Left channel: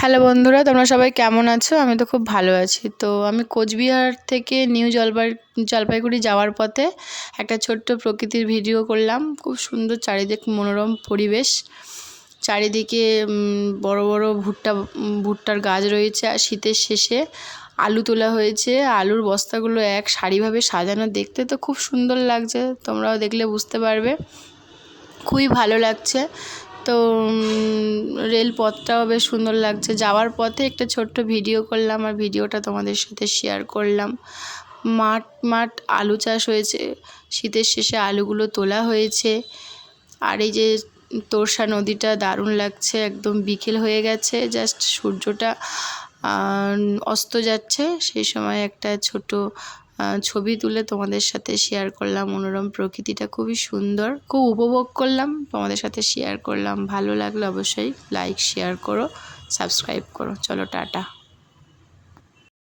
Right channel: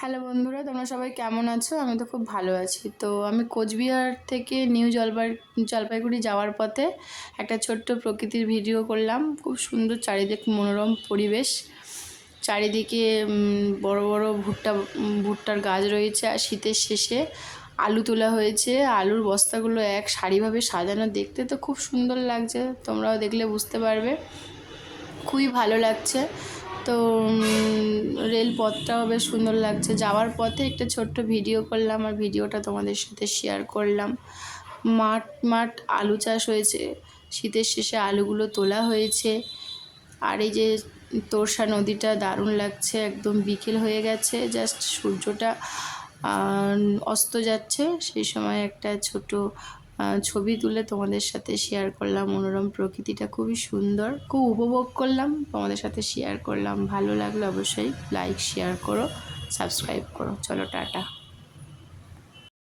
Hello বন্ধুরা, তোমরা সবাই কেমন আছো? আমি তো খুব ভালো আছি। তো আমি কোচবিহার থেকে নিউ জলপাইগুড়ি যাওয়ার পথে একটা ছোট্ট প্রকৃতির ভিডিও করলাম। খুব সুন্দর চারিদিক মনোরম পরিবেশ। চারিদিকে বড় বড় ভুট্টার গাছ রয়েছে। আর শীতের শেষে আলু তোলা হয়েছে। আলুর বস্তাগুলো এক সারিভাবে সাজানো, দেখতে তো খুব সুন্দর লাগছে। তোমরাও দেখলে বুঝতে পারবে, খুবই ভালো লাগছে। তো রেলপথটাও বেশ সুন্দর লাগছে। যাওয়ার পথে একটা ছোট্ট ভিডিও করলাম, আর ভিডিওটা তোমাদের সাথে শেয়ার করলাম। মাঠ আলু চাষ হয়েছে। শীতের শেষে আলুগুলো তোলা হয়েছে। আর এই যে তোরসা নদীটা দারুণ লাগছে, একদম বিকেল হয়ে গেছে, জাস্ট সূর্যটা অস্ত যাচ্ছে। সেই সময় একটা ছোট ছবি তুলে তোমাদের সাথে শেয়ার করলাম। মনোরম প্রকৃতিটা খুবই সুন্দর, খুব উপভোগ করলাম, তোমাদের সাথে শেয়ার করলাম। ভালো লাগলো অবশ্যই লাইক শেয়ার করো, সাবস্ক্রাইব করো। চলো টাটা।